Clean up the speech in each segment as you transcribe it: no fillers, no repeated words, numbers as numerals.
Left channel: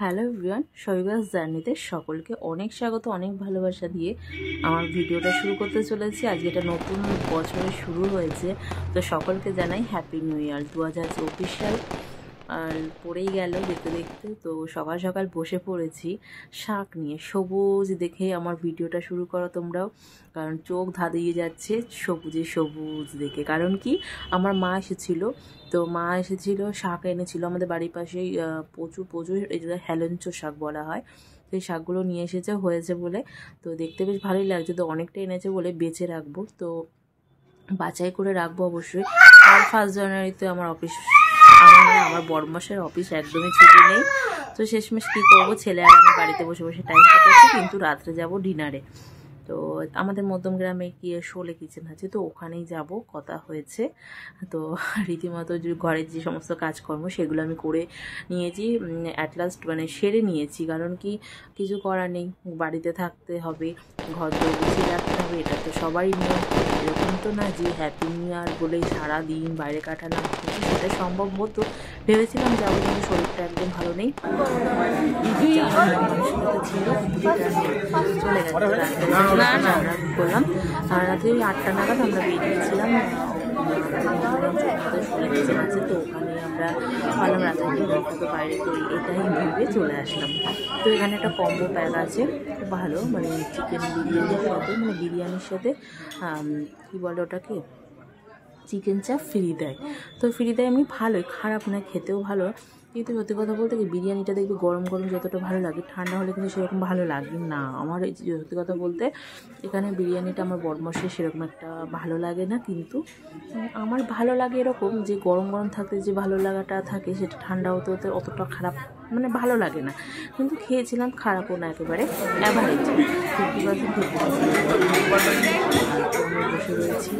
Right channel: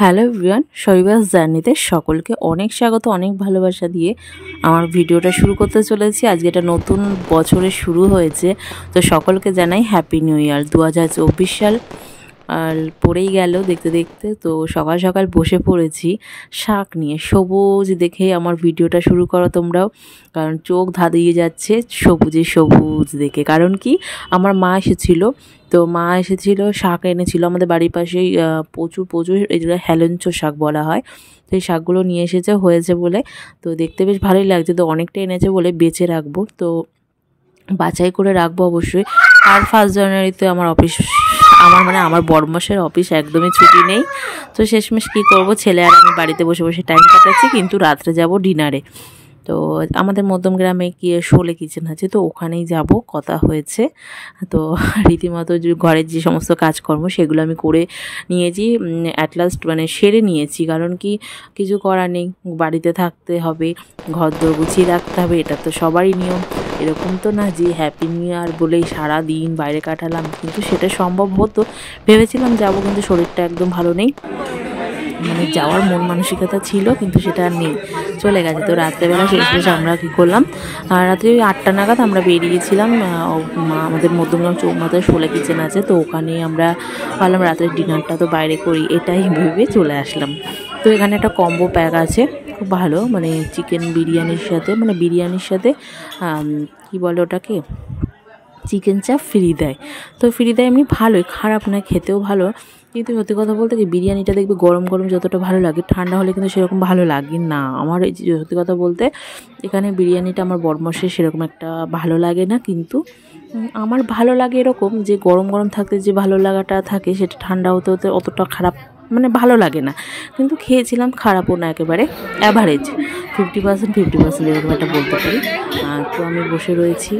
Hello everyone, শৈবাস জার্নিতে সকলকে অনেক স্বাগত, অনেক ভালোবাসা দিয়ে আমার ভিডিওটা শুরু করতে চলেছি। আজকে এটা নতুন বছরের শুরু হয়েছে, তো সকলকে জানাই হ্যাপি নিউ ইয়ার। 2024 সাল আর পড়েই গেল দেখতে দেখতে। তো সকাল সকাল বসে পড়েছি শাক নিয়ে, সবুজ দেখে আমার ভিডিওটা শুরু করো তোমরাও, কারণ চোখ ধাঁধিয়ে যাচ্ছে সবুজে সবুজ দেখে। কারণ কি, আমার মা এসেছিল, তো মা এসেছিল শাক এনেছিল আমাদের বাড়ির পাশেই প্রচুর প্রচুর, এগুলো হেলেঞ্চো শাক বলা হয়। তো এই শাকগুলো নিয়ে এসেছে হয়েছে বলে, তো দেখতে বেশ ভালোই লাগছে। তো অনেকটা এনেছে বলে বেঁচে রাখবো, তো বাছাই করে রাখবো অবশ্যই। আর 1 জানুয়ারিতে আমার অফিস, আমার বড়মশাইয়ের অফিস একদমই ছুটি নেই। তো শেষমেশ কী করবো, ছেলে আর আমি বাড়িতে বসে বসে টাইম কাটাচ্ছি, কিন্তু রাত্রে যাব ডিনারে। তো আমাদের মধ্যম গ্রামে কি শোলে কিচেন আছে, তো ওখানেই যাব কথা হয়েছে। তো রীতিমতো ঘরের যে সমস্ত কাজকর্ম সেগুলো আমি করে নিয়েছি, অ্যাট লাস্ট মানে সেরে নিয়েছি। কারণ কি, কিছু করার নেই, বাড়িতে থাকতে হবে, ঘর দোর গুছিয়ে রাখতে হবে, এটা তো সবারই নিয়ম। এরকম তো না যে হ্যাপি নিউ ইয়ার বলেই সারা দিন বাইরে কাটালাম, কিন্তু সেটা সম্ভব হতো। ভেবেছিলাম যাবো, কিন্তু শরীরটা একদম ভালো নেই। যাওয়ার মন মানসিকতা ছিল, কিন্তু সেটা আর নেই, চলে গেছে। তো রাত্রেবেলা শেষমেশ আমরা কী করলাম, রাত্রে 8টা নাগাদ আমরা বেরিয়েছিলাম। আমাদের মধ্যমগ্রাম চৌমাথায় শোলে কিচেন আছে, তো ওখানেই আমরা ভাবলাম রাতের ডিনারটা তো বাইরে করি, এটাই ভেবে চলে আসলাম। তো এখানে একটা কম্বো প্যাক আছে, খুব ভালো, মানে চিকেন বিরিয়ানির সাথে, মানে বিরিয়ানির সাথে কী বলে ওটাকে, চিকেন চাপ ফ্রি দেয়। তো ফ্রি দেয় এমনি ভালোই, খারাপ নয়, খেতেও ভালো। কিন্তু সত্যি কথা বলতে কি, বিরিয়ানিটা দেখবে গরম গরম যতটা ভালো লাগে, ঠান্ডা হলে কিন্তু সেরকম ভালো লাগে না। আমার এই সত্যি কথা বলতে, এখানে বিরিয়ানিটা আমার বড়মশাই সেরকম একটা ভালো লাগে না, কিন্তু আমার ভালো লাগে এরকম যে গরম গরম থাকতে যে ভালো লাগাটা থাকে, সেটা ঠান্ডা হতে হতে অতটা খারাপ মানে ভালো লাগে না। কিন্তু খেয়েছিলাম, খারাপও না, একেবারে অ্যাভারেজ, 50% এরকম একটা বলতে পারি। তো আমি বসে রয়েছি,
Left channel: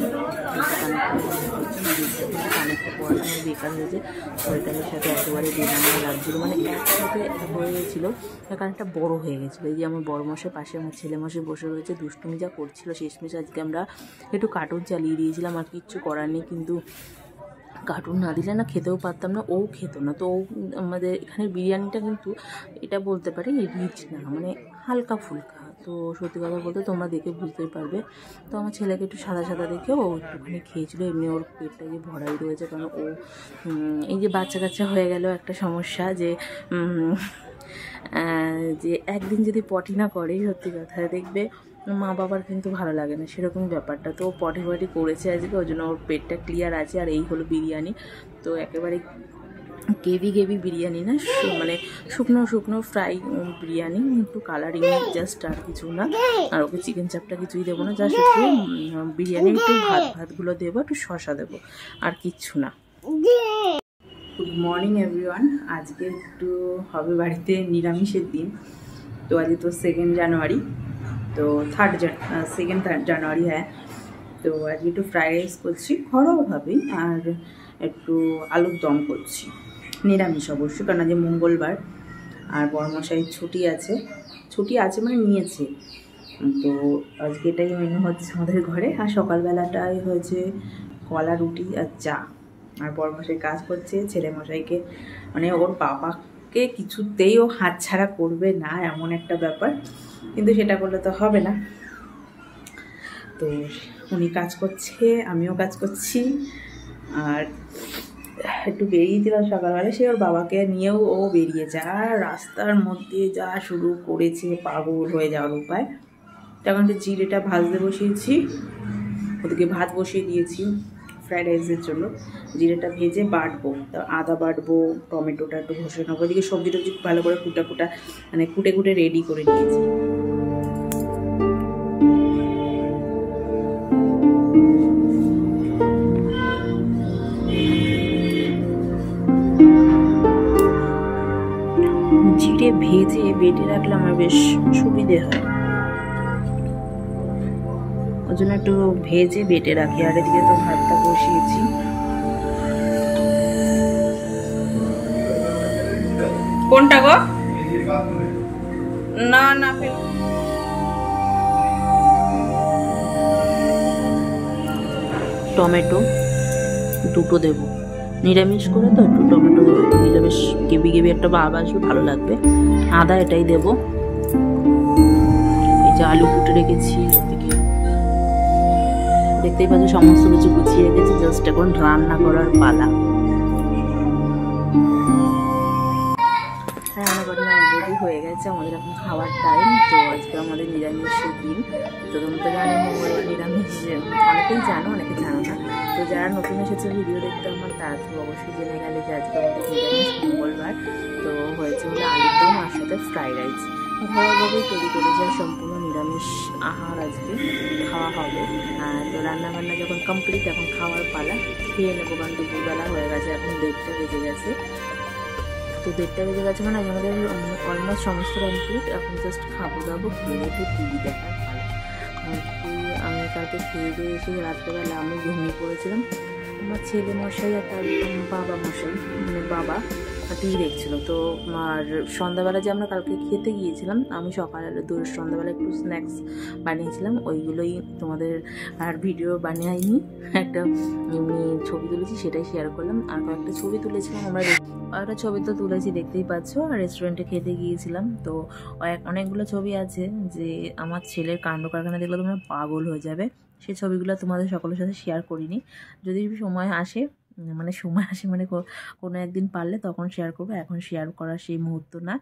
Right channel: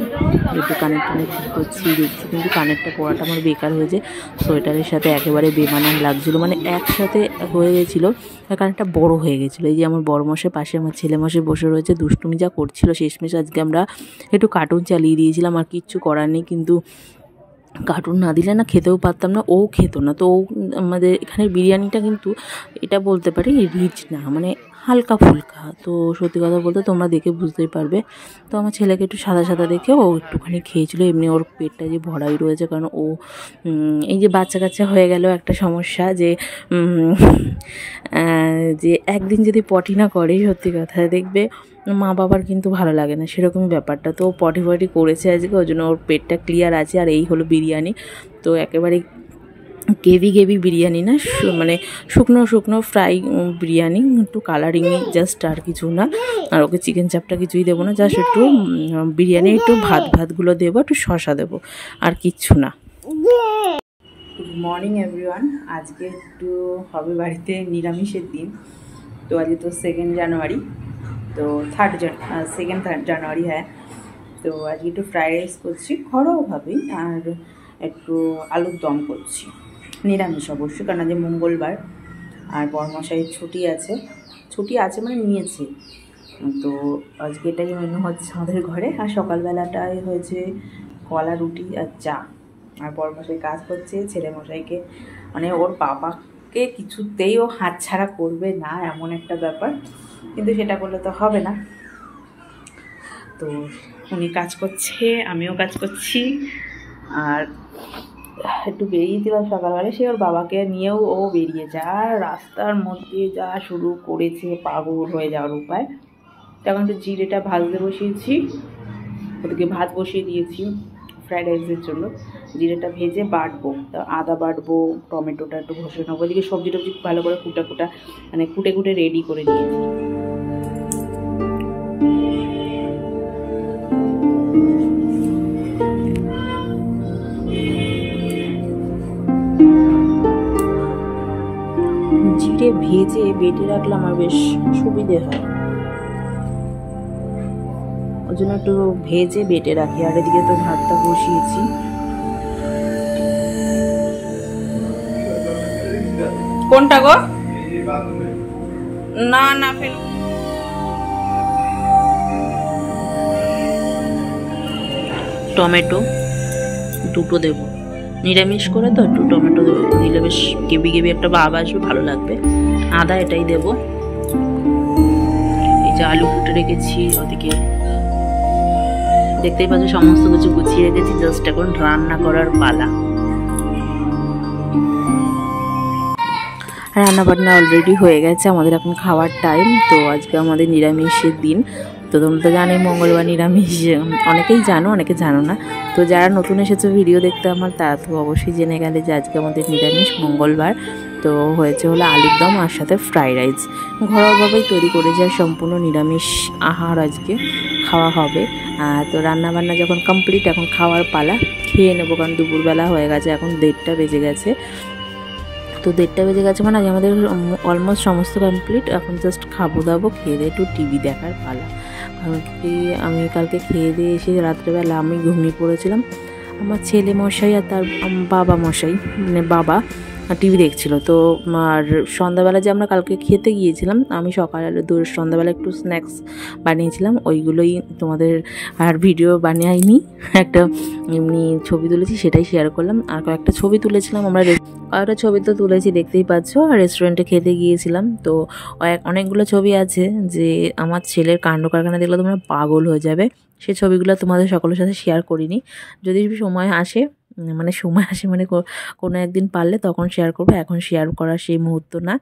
একটু কানেক্ট করছি, কিন্তু কানেক্টটা পড়াটা আমার বেকার হয়েছে। সোয়েটারের সাথে একেবারে বেমানান লাগছিলো, মানে একসাথে হয়ে গেছিলো, কানেক্টটা বড় হয়ে গেছিলো। এই যে আমার বড়মশাই পাশে আমার ছেলেমশাই বসে রয়েছে, দুষ্টুমি যা করছিল। শেষমেশ আজকে আমরা একটু কার্টুন চালিয়ে দিয়েছিলাম, আর কিচ্ছু করার নেই। কিন্তু কার্টুন না দিলে না খেতেও পারতাম না, ও খেত না। তো আমাদের এখানের বিরিয়ানিটা কিন্তু এটা বলতে পারি রিচ না, মানে হালকা ফুলকা। তো সত্যি কথা বলতে তোমরা দেখে বুঝতেই পারবে। তো আমার ছেলেকে একটু সাদা সাদা দেখে ও একটুখানি খেয়েছিল, এমনি ওর পেটটা যে ভরাই রয়েছে। কারণ ও এই যে বাচ্চা কাচ্চা হয়ে গেল একটা সমস্যা, যে যে একদিন যদি পটি না করে, সত্যি কথা দেখবে মা বাবার কিন্তু ভালো লাগে না, সেরকমই ব্যাপারটা। তো পটি করেছে আজকে, ওই জন্য ওর পেটটা ক্লিয়ার আছে। আর এই হলো বিরিয়ানি, তো একেবারে গেভি বিরিয়ানি না, মানে শুকনো শুকনো ফ্রাই বিরিয়ানি, একটু কালারিং জাস্ট, আর কিছু না। আর ওকে চিকেন চাপটা কিছুই দেবো না, জাস্ট একটু বিরিয়ানি, একটু ভাতগুলো দেবো, একটু শসা দেবো, আর কিচ্ছু না। Good morning everyone. আজকে একটু হবে বাড়িতে নিরামিষের দিন। তো আজকে তো 2 জানুয়ারি, তো 3rd জানুয়ারি, হ্যাঁ। তো আজকে একটু ফ্রাইড রাইস করছি ঘরোয়াভাবেই, আর একটু আলুর দম করছি, নিরামিষ অবশ্যই, কারণ আজকে মঙ্গলবার। আর বড়মশাইয়ের ছুটি আছে মানে নিয়েছে। তো আজকে এটাই মেনু হচ্ছে আমাদের ঘরে। আর সকালবেলাটাই হয়েছে কলা, রুটি আর চা। আর বড়মশাই কাজ করছে, ছেলেমশাইকে মানে ওর বাবাকে কিছুতেই ও হাতছাড়া করবে না, এমন একটা ব্যাপার। কিন্তু সেটা করলে তো হবে না। তো উনি কাজ করছে, আমিও কাজ করছি। আর একটু বেরিয়েছিলাম সকালবেলা, সে ওর বাবাকে নিয়েও ও বেরিয়ে যায়, রাস্তার মধ্যে যা শুরু করেছে, পাগল হয়ে যাওয়ার উপায়। তখন তো জিরেটা ভাজতে বসিয়েছি, ওদিকে ভাত বসিয়ে দিয়েছি ফ্রাইড রাইসের জন্য। জিরেটা ভেজে বাটবো, আদা বাটবো, টমেটোটা একটু ঘষে নেবো, ওদিকে সবজি টবজি ভালো করে কুটে রেডি করে নিয়েছি। জিরে ভেজে বেটে রাখলে আমার বেশ সুবিধে হয়, ওই জন্য একটু ভেজে বেটে রাখি। আর এদিকে তো ভাতটা বসিয়েছি। কোনটা গো? না না, টমেটো দুটো দেবো, নিরামিষ করে তো একটু টমেটো দেবো। দিলে বেশ গেবি গেবি একটা ভাব আসবে, ভালো লাগবে। আদা এটাই দেব। এই যে আলু কুটে রেখেছি, ওদিকে দেখতেই পাচ্ছ সমস্ত কিছু গুছিয়ে রেখেছি, জাস্ট এখন রান্না করার পালা। রান্না বান্না অলরেডি হয়ে গেছে, আমাদের এখন খাওয়ার টাইম। তো আজকে আমাদের নিরামিষের দিন। তো তোমরা তো জানোই মঙ্গলবার নিরামিষ, অনেকেই জানো অনেকে জানো না। তো যারা নতুন এসেছো ভিডিও দেখতে আমার, তারা তো অবশ্যই জেনে গেলে যে আজকে আমাদের নিরামিষ মঙ্গলবার। তো হয়েছে হলো আলুর দম আর সাথে ফ্রাইড রাইস, ঘরোয়াভাবেই তৈরি করে যায়, সম্পূর্ণ নিরামিষ আহার আজকে খাওয়া হবে। তো রান্নাবান্না যখন কমপ্লিট, এখন খাওয়ার পালা, খেয়ে নেবো, কারণ দুপুরবেলা হয়ে গেছে, এখন 1:30 বেজে গেছে। তো 1:30 বেজে গেছে মানে আজ আমাদের অলমোস্ট সমস্ত কমপ্লিট। এখন জাস্ট খাবো দাবো, খেয়ে দিয়ে একটু টিভি দেখার পালা। কারণ কি আমি কালকে খেয়ে দিয়ে এসে রাত্রেবেলা আমি ঘুমিয়ে পড়েছিলাম। আমার ছেলে মশাই আর তার বাবা মশাই, মানে বাবা টিভি দেখছিল। তো আর সন্ধ্যাবেলা যে আমরা কালকে খেতে গিয়েছিলাম, আমি সকালে সন্ধ্যাবেলা একটু স্ন্যাক্স বানিয়েছিলাম, ওইগুলোই তোমাদের আর ভিডিও বানাইনি, একটা এমনি ছবি তুলেছি সেটাই শেয়ার করলাম। আর কয়েকটা ছবি তুলেছিলাম আমরা, কয়েকটা ছবি তো তুলেছি দেখতেই পাচ্ছ, রেস্টুরেন্টে খেতে গিয়েছিলাম। তো অনেকগুলো ছবি আছে যে আমার ছেলের কাণ্ড কারখানা দেখলে তোমরা পাগল হয়ে যাবে। সেই ছবিগুলো তোমাদের সকলের সাথে শেয়ার করিনি, যদি সময় আসে মানে কোনো একদিন পারলে তখন শেয়ার করবো, এখন শেয়ার করার সেই মুহূর্ত না।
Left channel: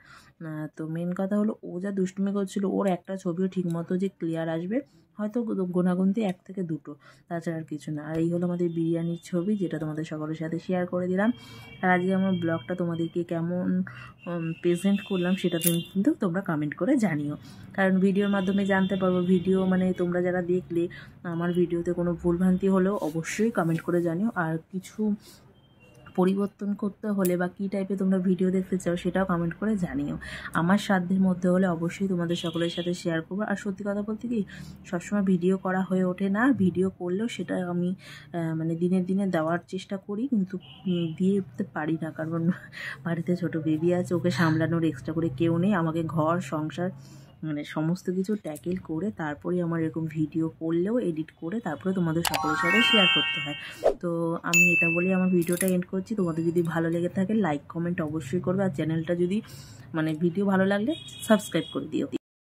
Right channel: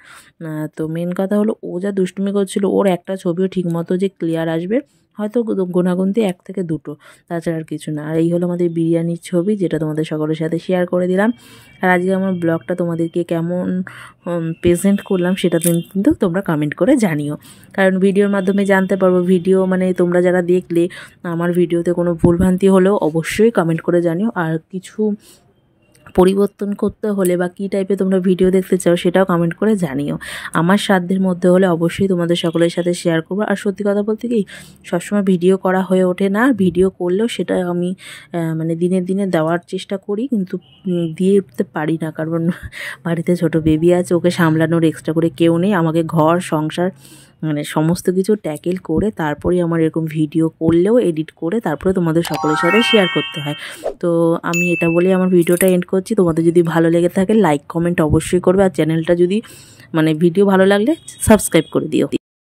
তো মেন কথা হলো, ও যা দুষ্টুমি করছিল, ওর একটা ছবিও ঠিকমতো যে ক্লিয়ার আসবে হয়তো গোনাগুনতি 1 থেকে 2, তাছাড়া আর কিছু না। আর এই হলো আমাদের বিরিয়ানির ছবি, যেটা তোমাদের সকলের সাথে শেয়ার করে দিলাম। আর আজকে আমার ব্লগটা তোমাদেরকে কেমন প্রেজেন্ট করলাম সেটা কিন্তু তোমরা কমেন্ট করে জানিও, কারণ ভিডিওর মাধ্যমে জানতে পারবো। ভিডিও মানে তোমরা যারা দেখলে আমার ভিডিওতে কোনো ভুলভ্রান্তি হলেও অবশ্যই কমেন্ট করে জানিও। আর কিছু পরিবর্তন করতে হলে বা কী টাইপের তোমরা ভিডিও দেখতে চাও সেটাও কমেন্ট করে জানিও। আমার সাধ্যের মধ্যে হলে অবশ্যই তোমাদের সকলের সাথে শেয়ার করবো। আর সত্যি কথা বলতে কি, সবসময় ভিডিও করা হয়ে ওঠে না, ভিডিও করলেও সেটা আমি মানে দিনে দিনে দেওয়ার চেষ্টা করি, কিন্তু দিয়ে উঠতে পারি না, কারণ বাড়িতে ছোট বেবি আছে, ওকে সামলানোর এক্সট্রা করে কেউ নেই। আমাকে ঘর সংসার মানে সমস্ত কিছু ট্যাকেল করে তারপরেই আমার এরকম ভিডিও করলেও এডিট করে তারপরে তোমাদের সকলের সাথে শেয়ার করতে হয়। তো আমি এটা বলেই আমার ভিডিওটা এন্ড করছি। তোমাদের যদি ভালো লেগে থাকে লাইক কমেন্ট অবশ্যই করবে, আর চ্যানেলটা যদি ভিডিও ভালো লাগলে সাবস্ক্রাইব করে দিও।